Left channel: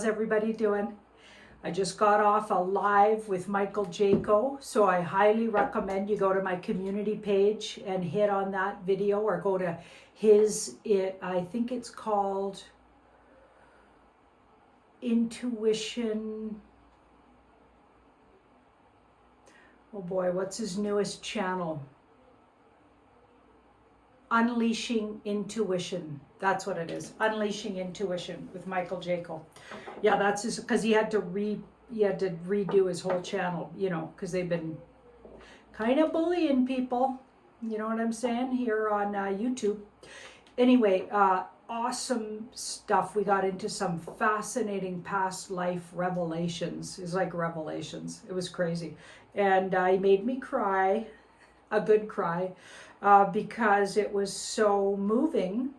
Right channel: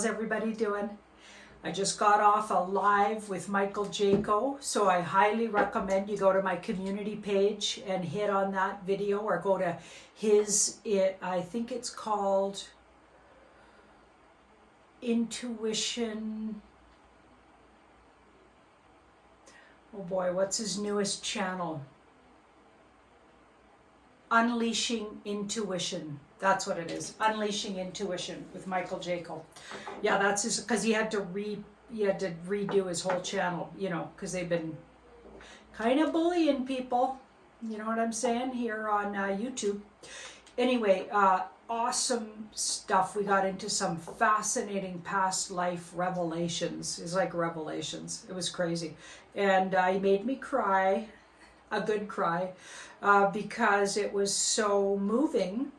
How's everybody doing? I just got off a live with Michael Jaco, so I highly recommend you go to my community page and hit on that video, or go to his, I think it's called Intuition. Oh boy, what's his newest channel? Unleashing Intuition. That's what it is. Unleashing Intuition with Michael Jaco. Yeah, that's his, because he had to redo his whole channel, you know, because they've been kind of bullying people. You know what I'm saying, here on YouTube. Anyway, awesome stuff. We got into some fascinating past life revelations. It's like revelations. It was crazy. And he made me cry, a good cry, because it was so moving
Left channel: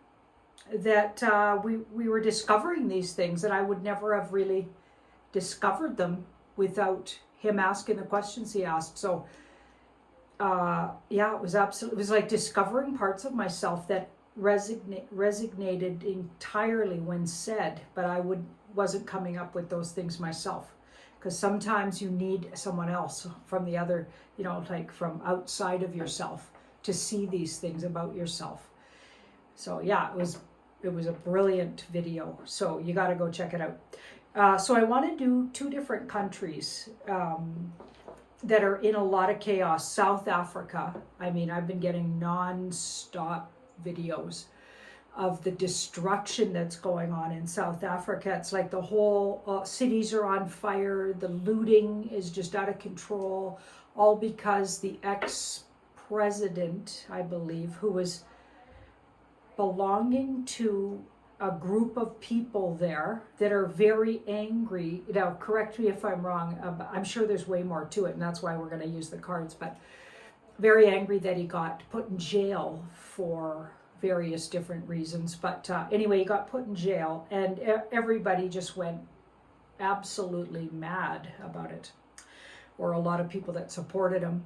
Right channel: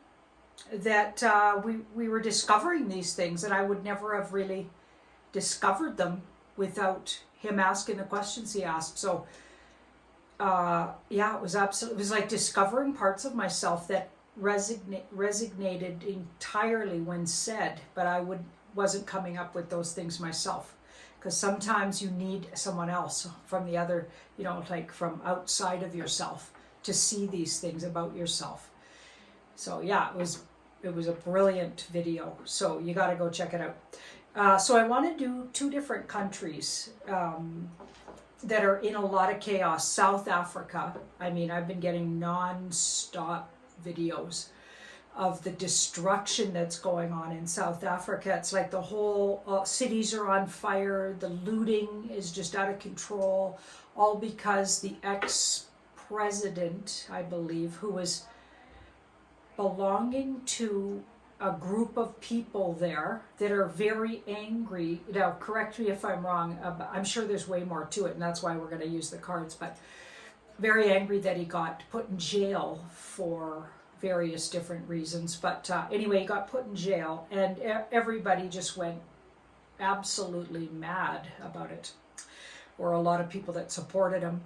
that we were discovering these things, and I would never have really discovered them without him asking the questions he asked. So yeah, it was like discovering parts of myself that resonated entirely when said, but I wasn't coming up with those things myself, because sometimes you need someone else from the other, you know, like from outside of yourself to see these things about yourself. So yeah, it was a brilliant video, so you got to go check it out. So I want to do two different countries that are in a lot of chaos. South Africa, I mean, I've been getting non-stop videos of the destruction that's going on in South Africa. It's like the whole cities are on fire, the looting is just out of control, all because the ex-president, I believe, who was belonging to a group of people there that are very angry. Now, correct me if I'm wrong. I'm sure there's way more to it, and that's why we're going to use the cards, but very angry that he got put in jail for various different reasons. But anyway, he got put in jail, and everybody just went absolutely mad about it, or a lot of people that supported him.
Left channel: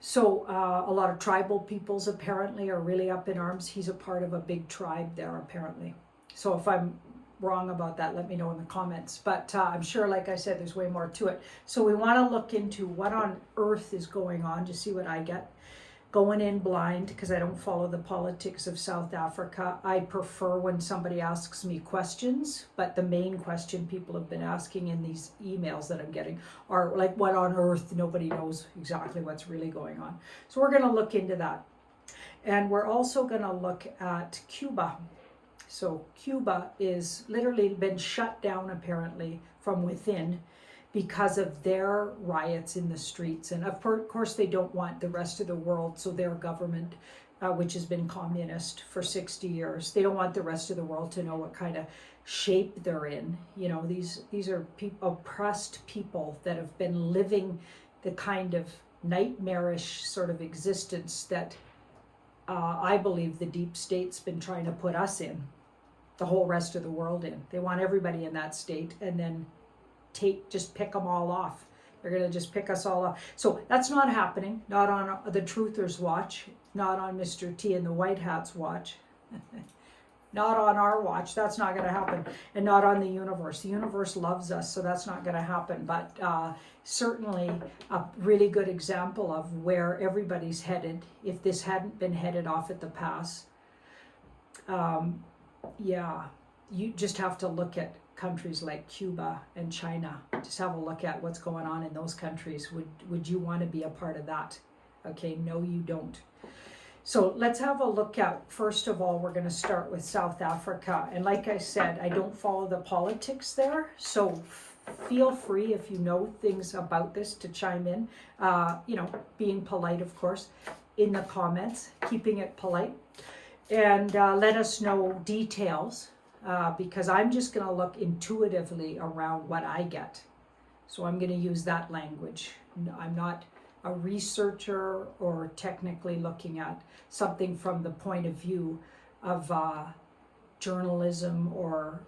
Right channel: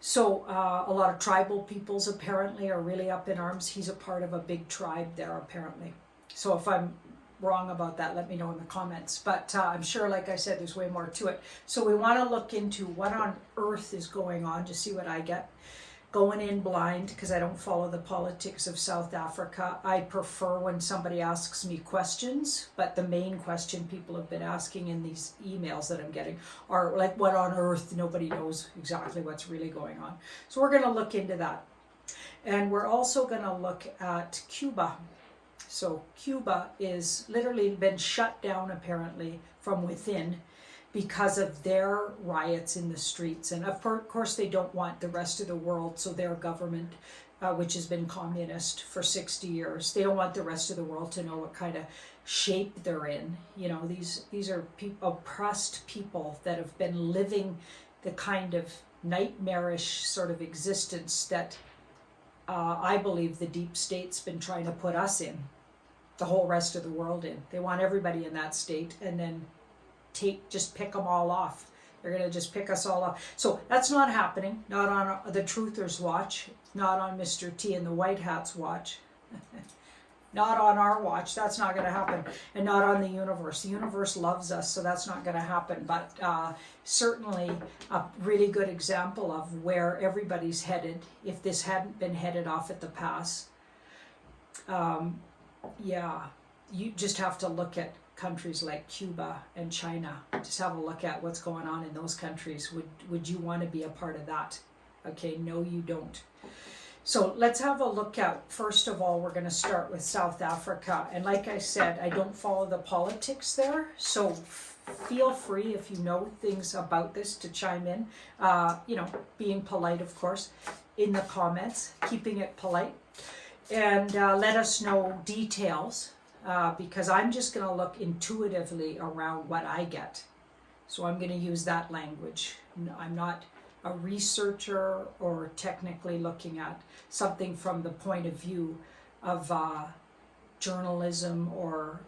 So a lot of tribal peoples apparently are really up in arms. He's a part of a big tribe there apparently. So if I'm wrong about that, let me know in the comments. But I'm sure, like I said, there's way more to it. So we want to look into what on earth is going on to see what I get. Going in blind, because I don't follow the politics of South Africa. I prefer when somebody asks me questions, but the main question people have been asking in these emails that I'm getting are like, what on earth? Nobody knows exactly what's really going on. So we're going to look into that. And we're also going to look at Cuba. So Cuba is literally been shut down apparently from within, because of their riots in the streets. And of course they don't want the rest of the world, so their government, which has been communist for 60 years, they don't want the rest of the world to know what kind of shape they're in. You know, these are oppressed people that have been living the kind of nightmarish sort of existence that I believe the deep state's been trying to put us in, the whole rest of the world in. They want everybody in that state, and then just pick them all off. They're going to just pick us all off. So that's not happening. Not on the Truthers' watch. Not on Mr. T and the White Hat's watch. Not on our watch. That's not going to happen. And not on the universe. The universe loves us, so that's not going to happen. But certainly a really good example of where everybody's headed, if this hadn't been headed off at the pass. Yeah, you just have to look at countries like Cuba and China. Just have a look at what's going on in those countries. Would you want to be a part of that? Okay, no, you don't. So let's have a look at, first of all, we're going to start with South Africa. And like I said, I don't follow the politics there, so feel free, if you know things about this, to chime in. You know, being polite, of course, in the comments, keeping it polite. And let us know details. Because I'm just going to look intuitively around what I get. So I'm going to use that language. I'm not a researcher or technically looking at something from the point of view of journalism or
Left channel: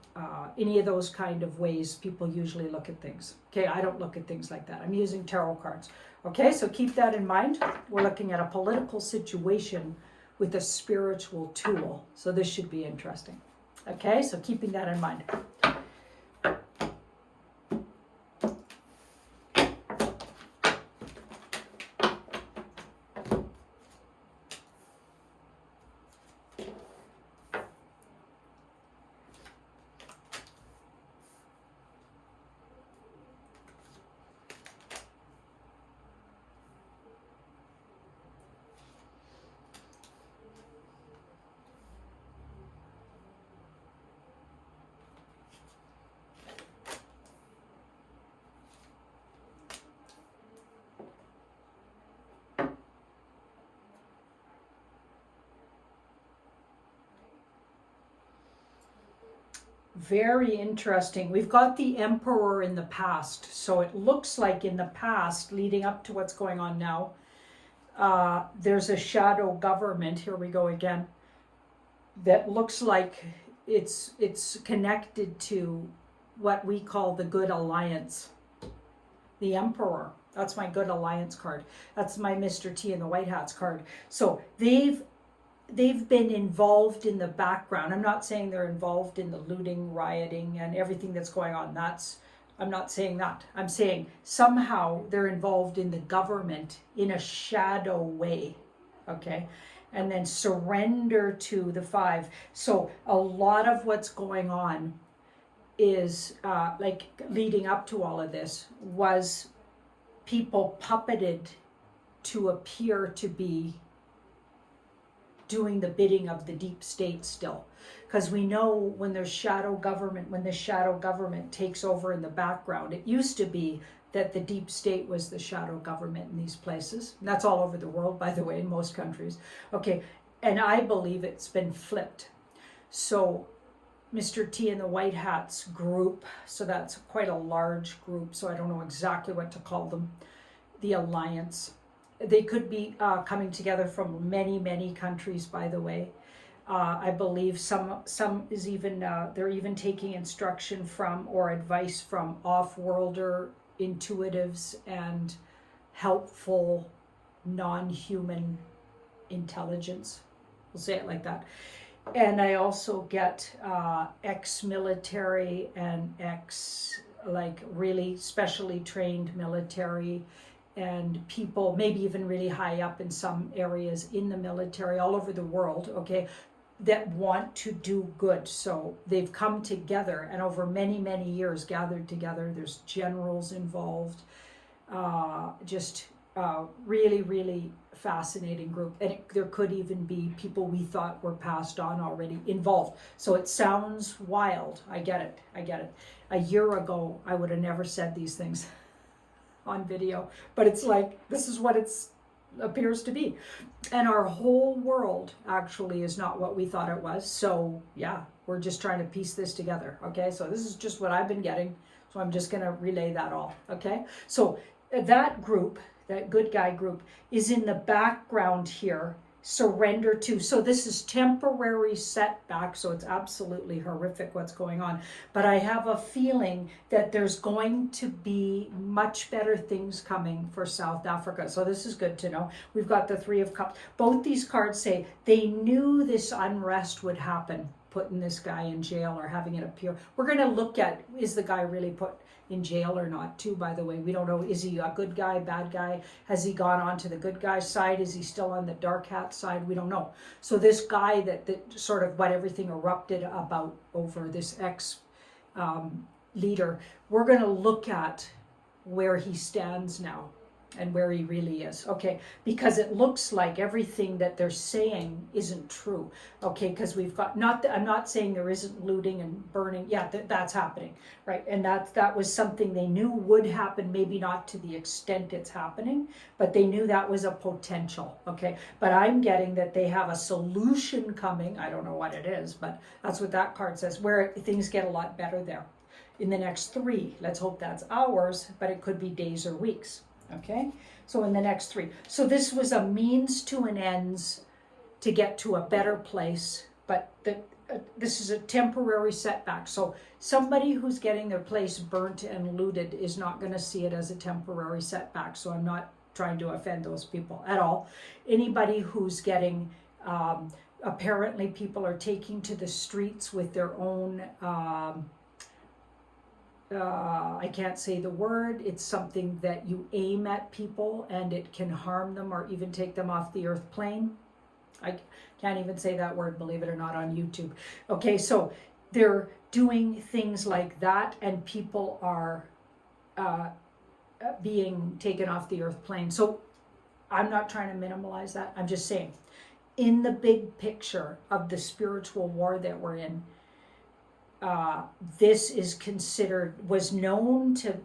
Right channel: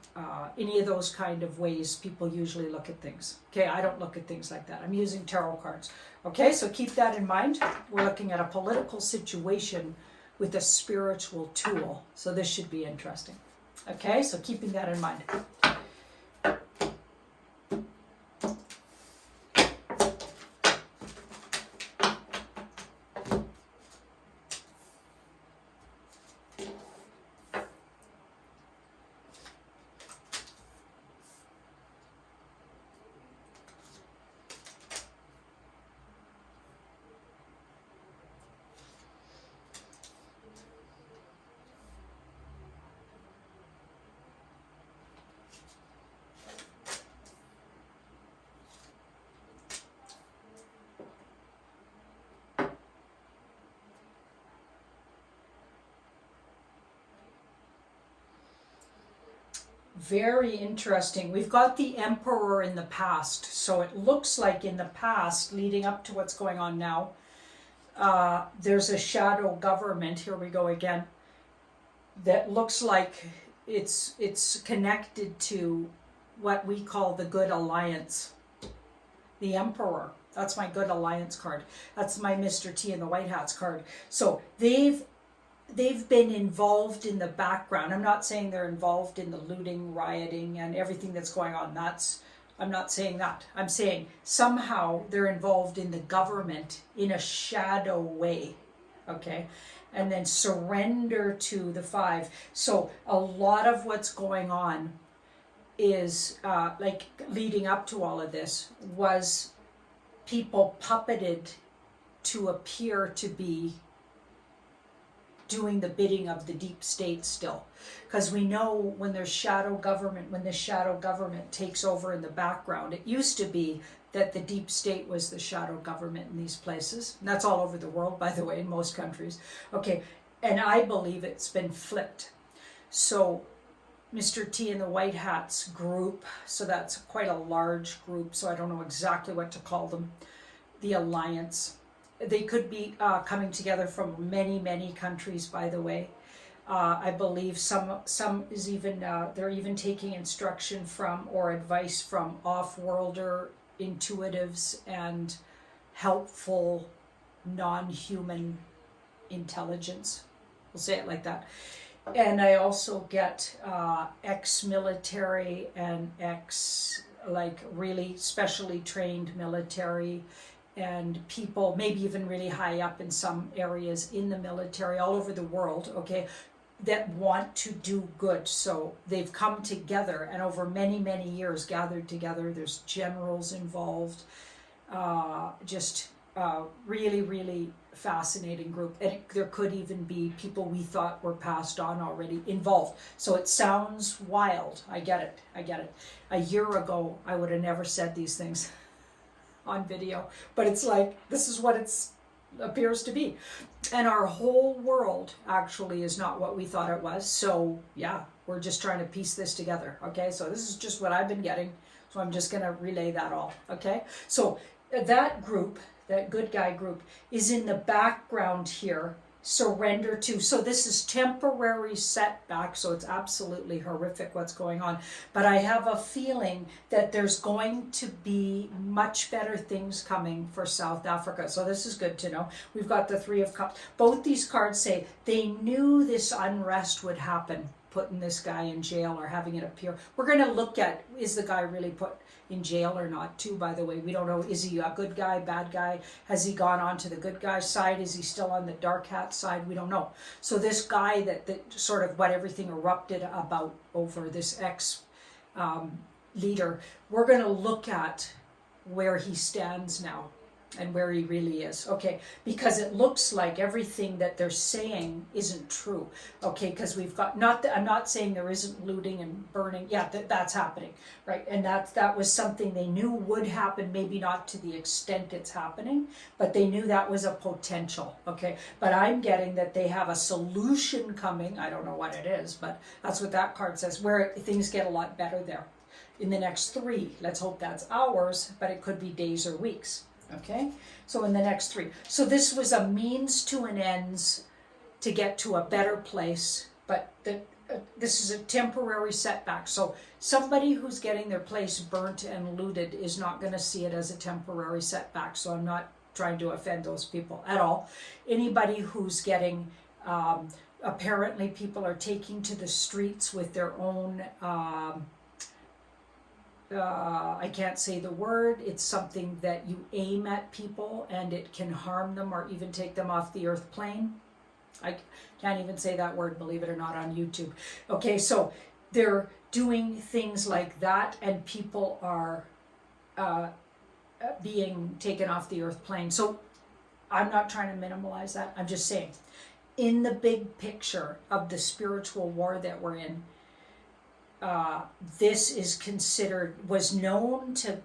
any of those kind of ways people usually look at things. Okay, I don't look at things like that. I'm using tarot cards. Okay, so keep that in mind. We're looking at a political situation with a spiritual tool. So this should be interesting. Okay, so keeping that in mind. very interesting. We've got the Emperor in the past. So it looks like in the past, leading up to what's going on now, there's a shadow government. Here we go again. That looks like it's connected to what we call the Good Alliance. The Emperor. That's my Good Alliance card. That's my Mr. T and the White Hats card. So they've been involved in the background. I'm not saying they're involved in the looting, rioting, and everything that's going on. I'm not saying that. I'm saying somehow they're involved in the government in a shadow way. Okay? And then surrender to the 5. So a lot of what's going on is like leading up to all of this was people puppeted to appear to be doing the bidding of the deep state still. Because we know when there's shadow government, when the shadow government takes over in the background, it used to be that the deep state was the shadow government in these places. And that's all over the world, by the way, in most countries. Okay, and I believe it's been flipped. So Mr. T and the White Hats group, so that's quite a large group, so I don't know exactly what to call them, the Alliance. They could be coming together from many, many countries, by the way. I believe some is even, they're even taking instruction from or advice from off-worlder intuitives and helpful non-human intelligence. We'll say it like that. And I also get ex-military and like really specially trained military and people, maybe even really high up in some areas in the military all over the world, okay, that want to do good. So they've come together and over many, many years gathered together. There's generals involved, really, really fascinating group. And there could even be people we thought were passed on already involved. So it sounds wild. I get it. A year ago, I would have never said these things on video, but it's like, this is what it appears to be. And our whole world actually is not what we thought it was. So yeah, we're just trying to piece this together. Okay, so this is just what I've been getting. So I'm just going to relay that all. Okay, so that group, that good guy group, is in the background here. Surrender to. So this is temporary setback. So it's absolutely horrific what's going on. But I have a feeling that there's going to be much better things coming for South Africa. So this is good to know. We've got the 3 of Cups. Both these cards say they knew this unrest would happen, putting this guy in jail or having it appear. We're going to look at, is the guy really put in jail or not too, by the way. We don't know, is he a good guy, bad guy? Has he gone on to the good guy's side? Is he still on the dark hat side? We don't know. So this guy that sort of what everything erupted about over this leader, we're going to look at where he stands now and where he really is, okay? Because it looks like everything that they're saying isn't true, okay? Because we've got, I'm not saying there isn't looting and burning. Yeah, that's happening, right? And that was something they knew would happen, maybe not to the extent it's happening, but they knew that was a potential, okay? But I'm getting that they have a solution coming. I don't know what it is, but that's what that card says, where things get a lot better there in the next 3. Let's hope that's hours, but it could be days or weeks. Okay, so in the next 3. So this was a means to an ends to get to a better place, but this is a temporary setback. So somebody who's getting their place burnt and looted is not going to see it as a temporary setback. So I'm not trying to offend those people at all. Anybody who's getting, apparently people are taking to the streets with their own, I can't say the word. It's something that you aim at people and it can harm them or even take them off the earth plane. I can't even say that word, believe it or not, on YouTube. Okay, so they're doing things like that and people are being taken off the earth plane. So I'm not trying to minimalize that. I'm just saying, in the big picture of the spiritual war that we're in, this is considered, was known to,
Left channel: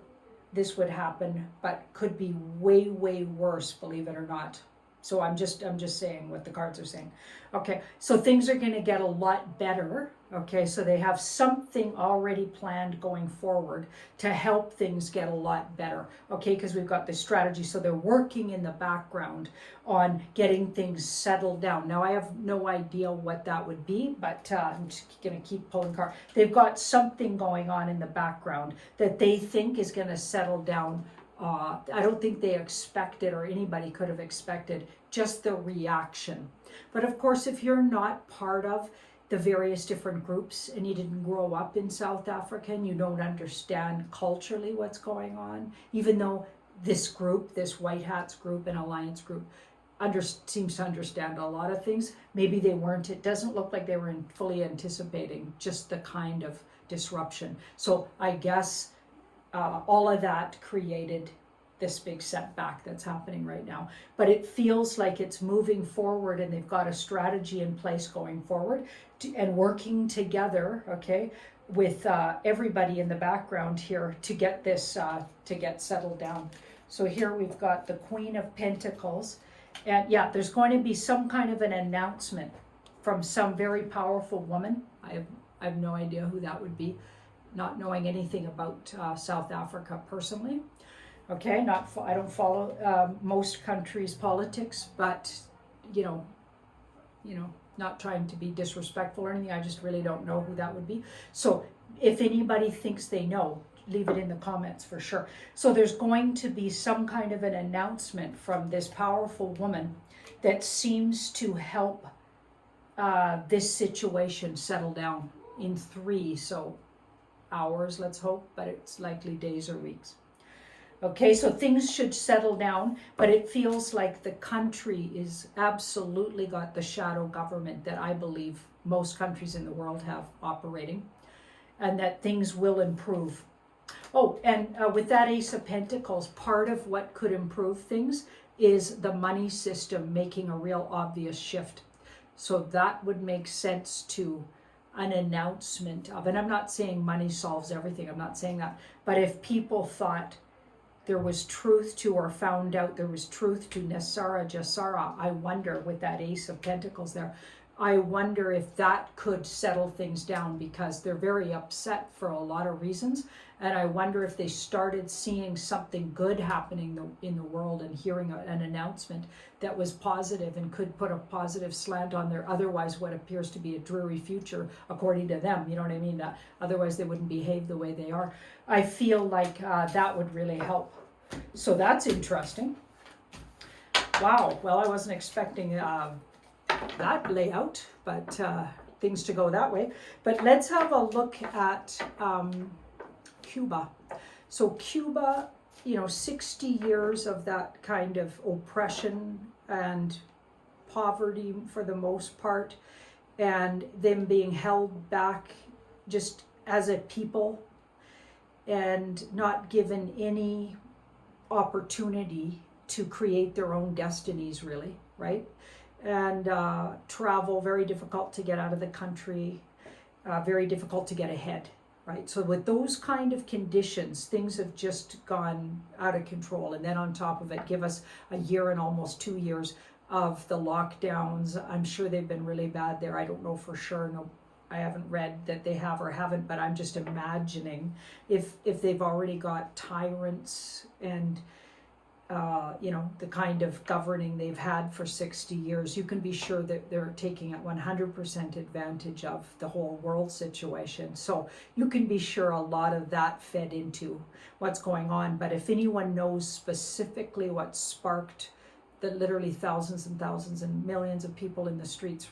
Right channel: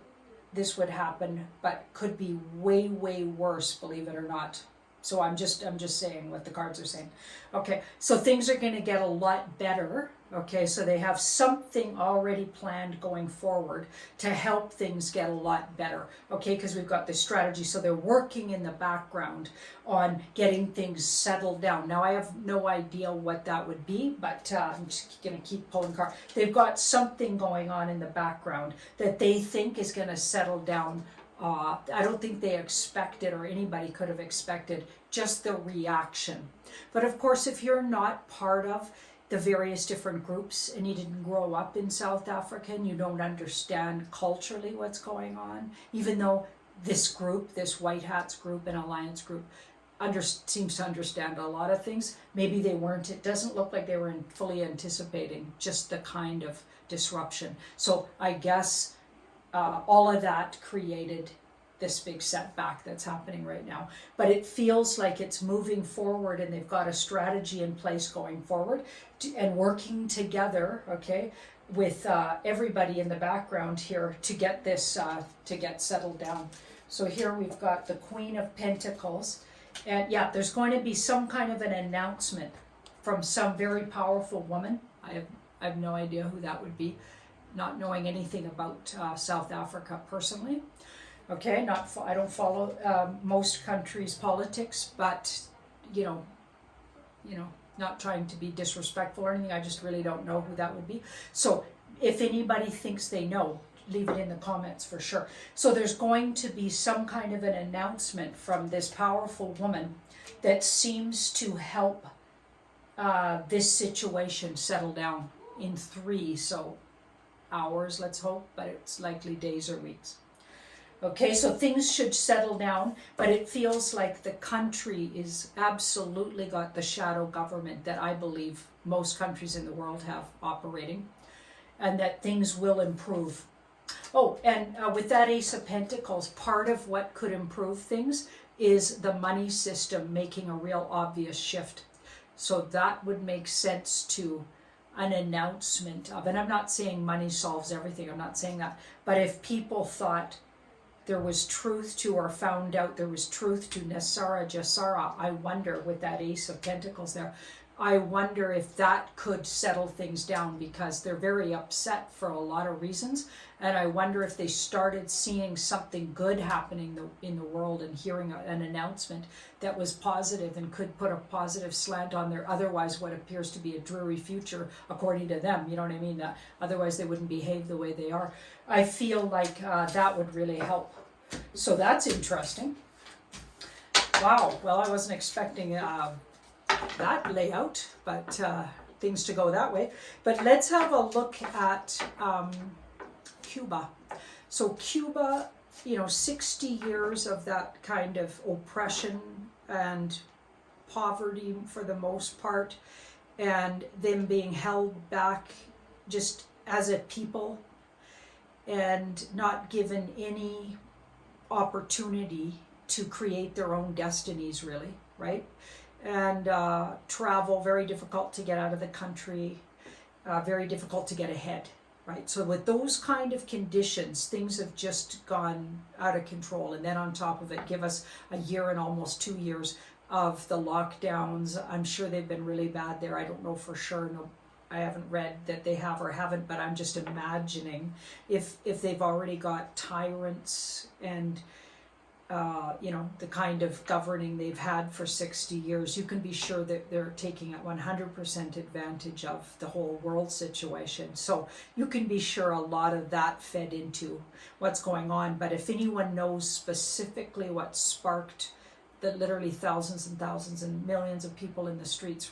this would happen, but could be way, way worse, believe it or not. So I'm just saying what the cards are saying. Okay, so things are going to get a lot better. Okay, so they have something already planned going forward to help things get a lot better. Okay, because we've got this strategy. So they're working in the background on getting things settled down. Now I have no idea what that would be, but I'm just going to keep pulling cards. They've got something going on in the background that they think is going to settle down. I don't think they expected, or anybody could have expected, just the reaction. But of course, if you're not part of the various different groups and you didn't grow up in South Africa and you don't understand culturally what's going on, even though this group, this White Hats group and Alliance group, seems to understand a lot of things, maybe they weren't. It doesn't look like they were fully anticipating just the kind of disruption. So I guess all of that created this big setback that's happening right now. But it feels like it's moving forward and they've got a strategy in place going forward and working together, okay, with everybody in the background here to get this, to get settled down. So here we've got the Queen of Pentacles. And yeah, there's going to be some kind of an announcement from some very powerful woman. I have no idea who that would be, not knowing anything about South Africa personally. Okay, I don't follow most countries' politics, but you know, not trying to be disrespectful or anything. I just really don't know who that would be. So if anybody thinks they know, leave it in the comments for sure. So there's going to be some kind of an announcement from this powerful woman that seems to help this situation settle down in 3 hours, let's hope, but it's likely days or weeks. Okay, so things should settle down, but it feels like the country is absolutely got the shadow government that I believe most countries in the world have operating, and that things will improve. Oh, and with that Ace of Pentacles, part of what could improve things is the money system making a real obvious shift. So that would make sense to an announcement of, and I'm not saying money solves everything, I'm not saying that, but if people thought there was truth to, or found out there was truth to Nasara Jasara, I wonder, with that Ace of Pentacles there, I wonder if that could settle things down, because they're very upset for a lot of reasons. And I wonder if they started seeing something good happening in the world and hearing an announcement that was positive and could put a positive slant on their otherwise what appears to be a dreary future, according to them. You know what I mean? Otherwise they wouldn't behave the way they are. I feel like that would really help. So that's interesting. Wow. Well, I wasn't expecting that layout, but things to go that way. But let's have a look at Cuba. So Cuba, 60 years of that kind of oppression and poverty for the most part, and them being held back just as a people and not given any opportunity to create their own destinies, really, right? And travel, very difficult to get out of the country, very difficult to get ahead, right? So with those kind of conditions, things have just gone out of control. And then on top of it, give us a year and almost 2 years of the lockdowns. I'm sure they've been really bad there. I don't know for sure. No, I haven't read that they have or haven't, but I'm just imagining if they've already got tyrants and the kind of governing they've had for 60 years, you can be sure that they're taking 100% advantage of the whole world situation. So you can be sure a lot of that fed into what's going on. But if anyone knows specifically what sparked the literally thousands and thousands and millions of people in the streets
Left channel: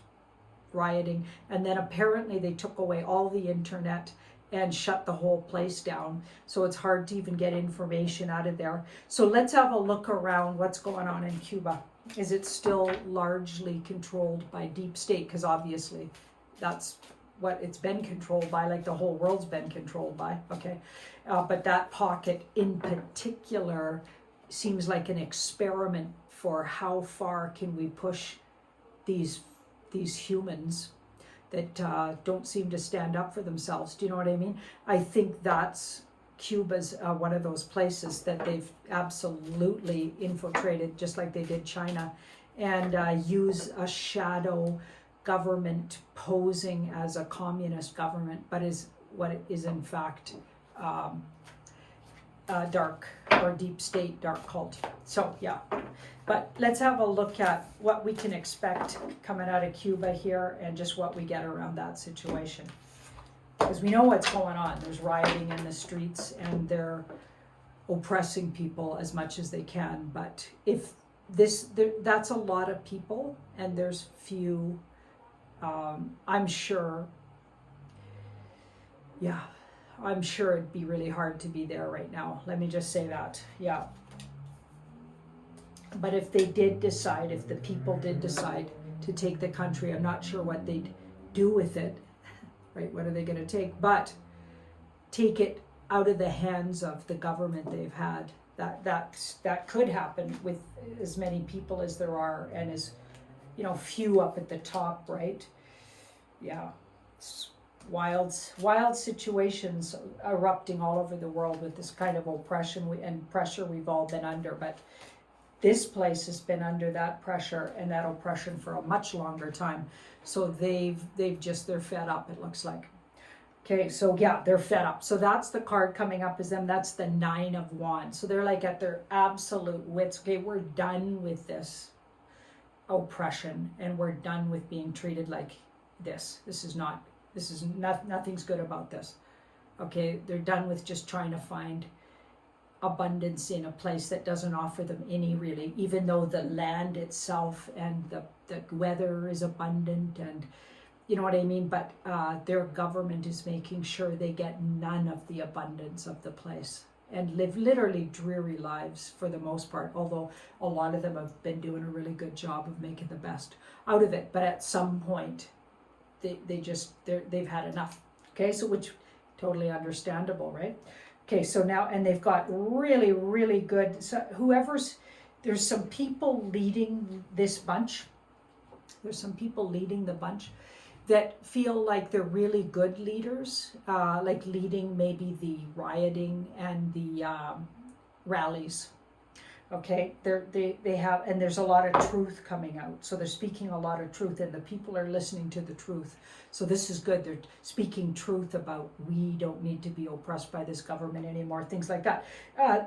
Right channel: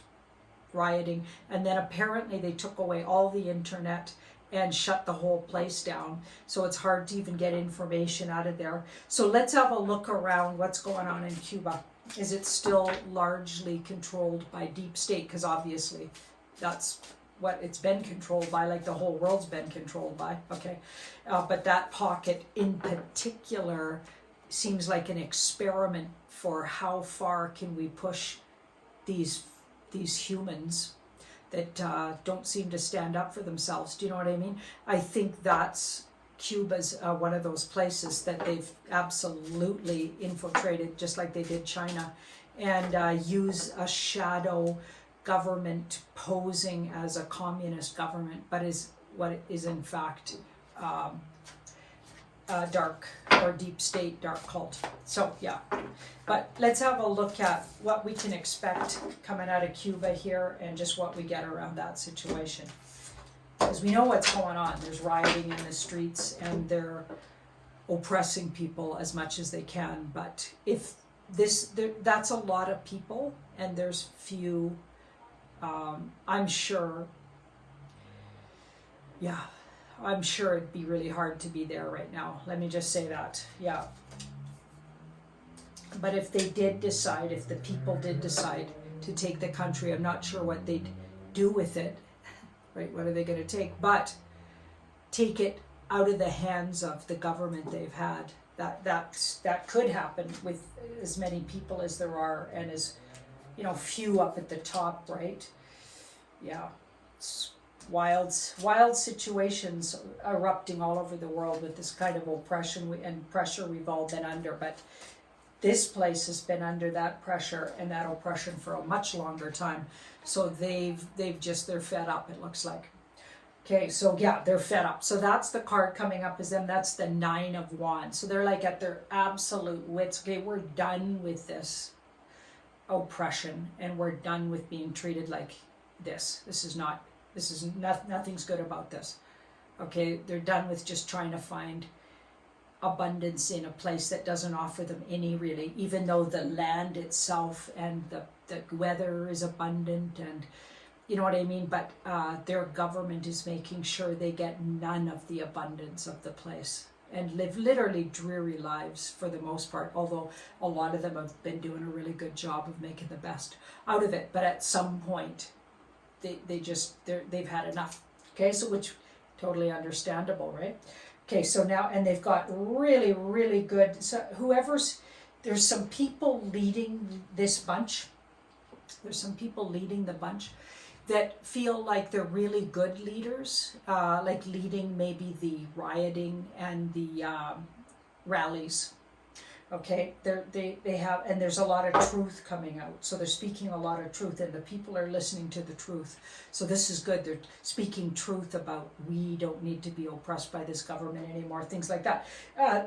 rioting, and then apparently they took away all the internet and shut the whole place down. So it's hard to even get information out of there. So let's have a look around what's going on in Cuba. Is it still largely controlled by deep state? Because obviously that's what it's been controlled by, like the whole world's been controlled by, okay? But that pocket in particular seems like an experiment for how far can we push these humans that don't seem to stand up for themselves. Do you know what I mean? I think that's Cuba's one of those places that they've absolutely infiltrated, just like they did China. and use a shadow government posing as a communist government, but is what it is in fact dark or deep state, dark cult. So yeah, but let's have a look at what we can expect coming out of Cuba here and just what we get around that situation. Because we know what's going on. There's rioting in the streets and they're oppressing people as much as they can. But if that's a lot of people and there's few, I'm sure, yeah, I'm sure it'd be really hard to be there right now. Let me just say that, yeah. But if they did decide, if the people did decide to take the country, I'm not sure what they'd do with it, right? What are they going to take? But take it out of the hands of the government they've had. That could happen with as many people as there are, and as, you know, few up at the top, right? Yeah, it's wild situations erupting all over the world with this kind of oppression and pressure we've all been under. But this place has been under that pressure and that oppression for a much longer time. So they're fed up, it looks like. Okay, so yeah, they're fed up. So that's the card coming up as them. That's the 9 of Wands. So they're like at their absolute wits. Okay, we're done with this oppression and we're done with being treated like this. Nothing's good about this. Okay, they're done with just trying to find abundance in a place that doesn't offer them any, really, even though the land itself and the weather is abundant, and you know what I mean, but their government is making sure they get none of the abundance of the place and live literally dreary lives for the most part, although a lot of them have been doing a really good job of making the best out of it. But at some point they've had enough. Okay, so which totally understandable, right? Okay, so now, and they've got really, really good, so there's some people leading this bunch. There's some people leading the bunch that feel like they're really good leaders, like leading maybe the rioting and the rallies. Okay, they have, and there's a lot of truth coming out. So they're speaking a lot of truth, and the people are listening to the truth. So this is good. They're speaking truth about, we don't need to be oppressed by this government anymore, things like that.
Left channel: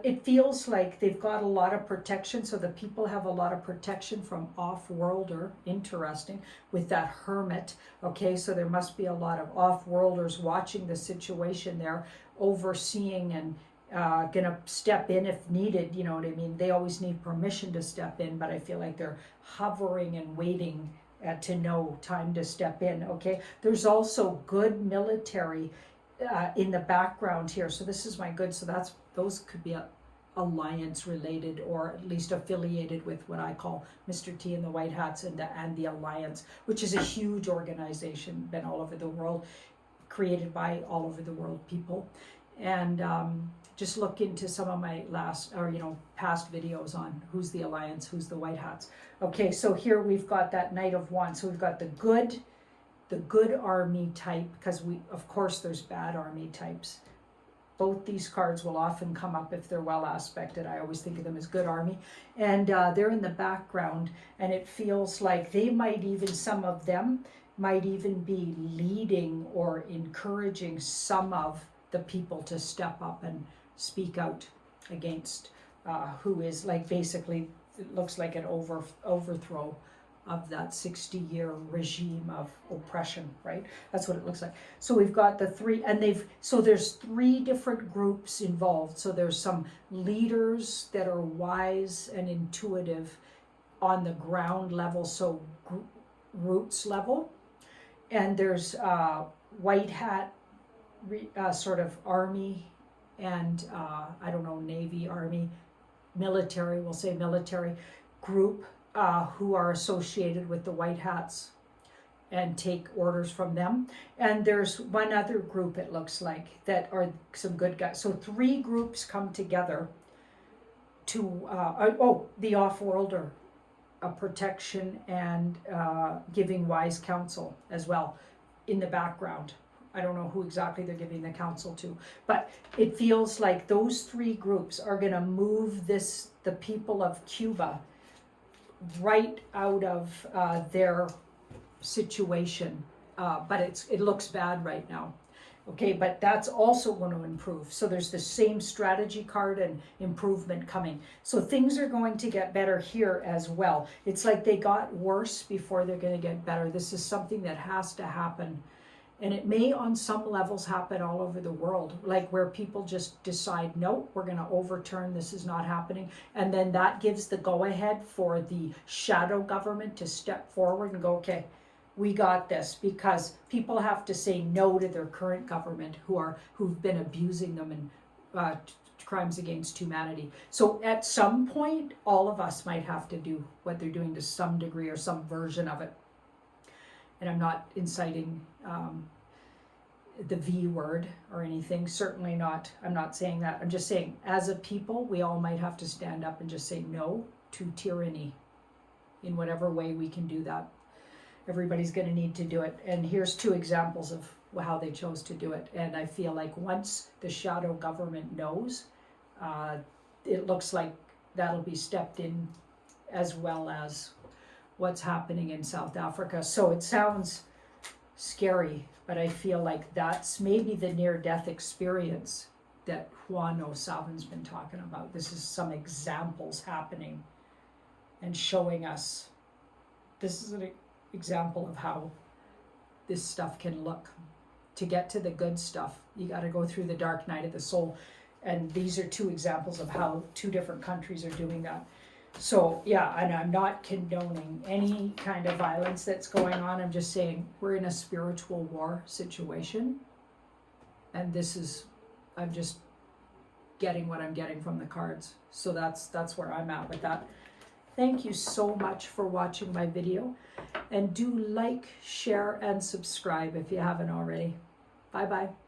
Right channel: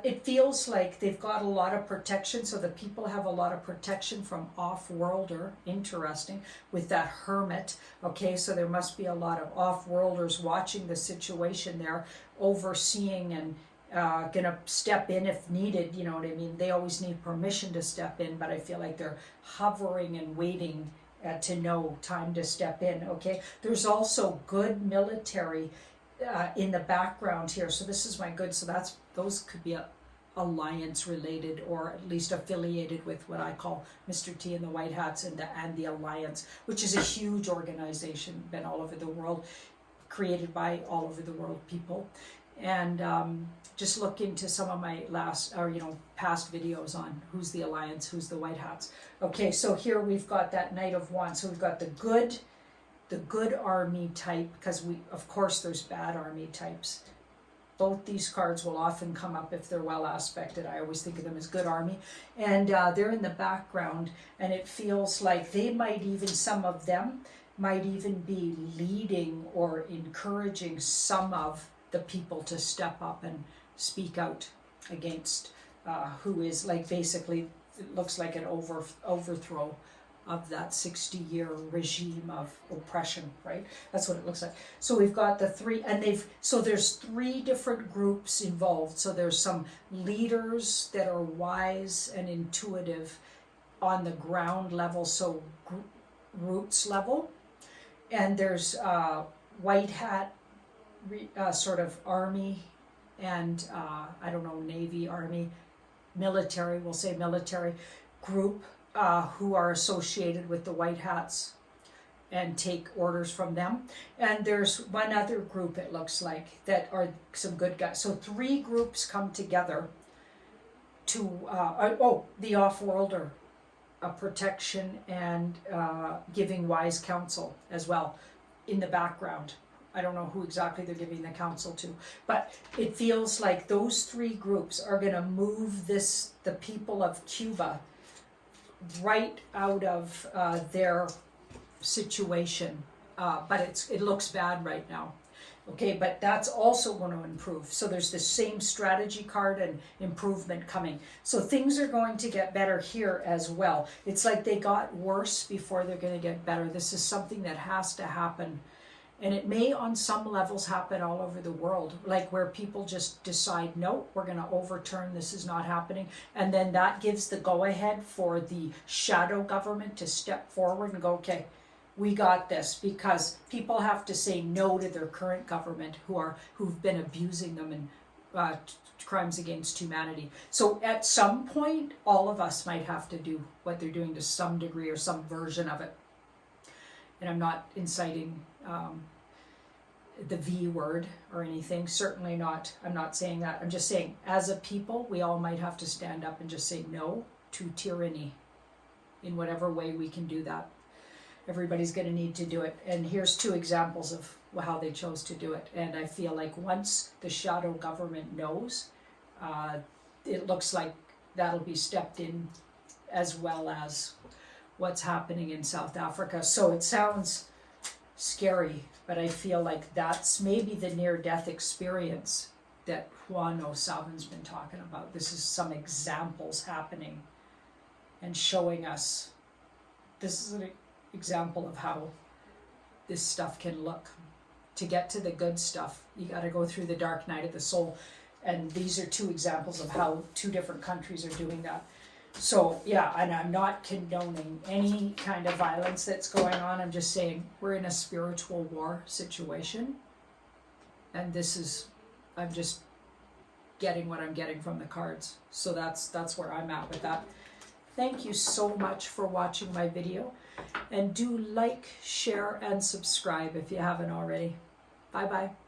It feels like they've got a lot of protection. So the people have a lot of protection from off-worlder, interesting, with that hermit. Okay, so there must be a lot of off-worlders watching the situation there, overseeing and gonna step in if needed, you know what I mean? They always need permission to step in, but I feel like they're hovering and waiting to know time to step in. Okay, there's also good military in the background here, so this is my good. So those could be alliance related, or at least affiliated with what I call Mr. T and the White Hats and the Alliance, which is a huge organization, been all over the world, created by all over the world people. And just look into some of my past videos on who's the Alliance, who's the White Hats. Okay, so here we've got that Knight of Wands. So we've got the good army type, because of course there's bad army types. Both these cards will often come up if they're well aspected. I always think of them as good army. And they're in the background, and it feels like some of them might even be leading or encouraging some of the people to step up and speak out against who is, like, basically it looks like an overthrow of that 60-year regime of oppression, right? That's what it looks like. So we've got the three, and there's 3 different groups involved. So there's some leaders that are wise and intuitive on the ground level, so roots level, and there's white hat sort of army and Navy, army, military, we'll say military group who are associated with the White Hats and take orders from them. And there's one other group, it looks like, that are some good guys. So 3 groups come together to the off-worlder, protection and giving wise counsel as well in the background. I don't know who exactly they're giving the counsel to, but it feels like those 3 groups are going to move the people of Cuba right out of their situation, but it looks bad right now. Okay, but that's also going to improve. So there's the same strategy card and improvement coming. So things are going to get better here as well. It's like they got worse before they're going to get better. This is something that has to happen. And it may on some levels happen all over the world, like where people just decide, no, we're going to overturn, this is not happening. And then that gives the go ahead for the shadow government to step forward and go, okay, we got this, because people have to say no to their current government who've been abusing them in crimes against humanity. So at some point, all of us might have to do what they're doing to some degree or some version of it. And I'm not inciting the V word or anything, certainly not. I'm not saying that. I'm just saying, as a people, we all might have to stand up and just say no to tyranny in whatever way we can do that. Everybody's going to need to do it. And here's 2 examples of how they chose to do it. And I feel like once the shadow government knows, it looks like that'll be stepped in, as well as what's happening in South Africa. So it sounds scary, but I feel like that's maybe the near-death experience that Juan O'Savin's been talking about. This is some examples happening and showing us this is an example of how this stuff can look. To get to the good stuff, you got to go through the dark night of the soul. And these are 2 examples of how 2 different countries are doing that. So yeah, and I'm not condoning any kind of violence that's going on. I'm just saying we're in a spiritual war situation. And I'm just getting what I'm getting from the cards. So that's where I'm at with that. Thank you so much for watching my video. And do like, share, and subscribe if you haven't already. Bye-bye.